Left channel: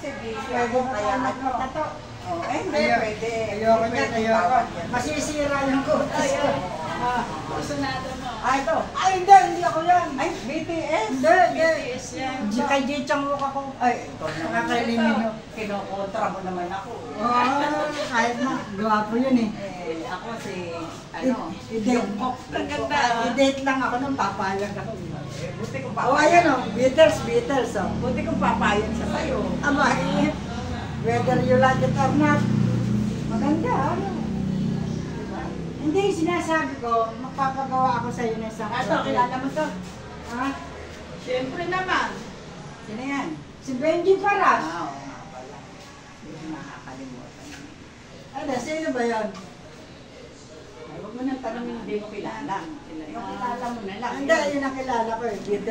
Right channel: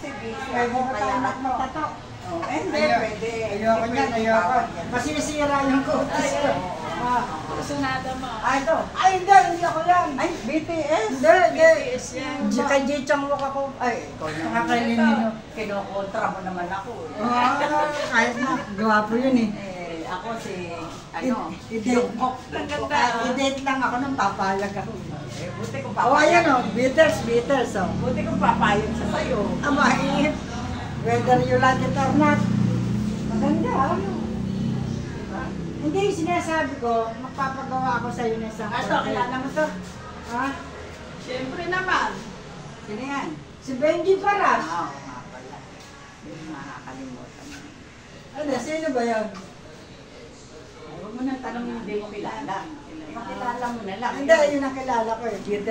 kasi busy Pwede ako, ba kaya tayo ano. magpatato? Oh, hindi, pwede. Ayoko Hindi niyan, pwede ayoko. bawal yan. Masisira yung kutas ko. Ah. Personada mo. Ito. Ay, hindi ako yan. Ay, BTS. Hindi, hindi. BTS yan. Kay Jichang mukha ko. Ay, nakakailin nyo. Kinukontra mo naman ako. Kahit na, gwapo yun eh. Eh, ako si, ano, I-date i-date lang ako nang papayag ako. Eh, buti kong Oh, ayan papayag. o, Beatles oh. Buti kong papayag siya sa'yo. Aba, whether you like it or not, maganda ano. Diba? Hindi, sinasabi ko, magpapagawa ako sa'yo ng isang Ito, kilala mo to? Ha? Siyempre naman. Sino yan? Si Benji Paras. Oo nga pala. Hindi ko nakakalimutan. Ano, sino ba yan? Ay, huwag mo nang tanongin, hindi mo kilala. Makilala mo na lang. Hindi, yun ang kilala ko eh. Beatles.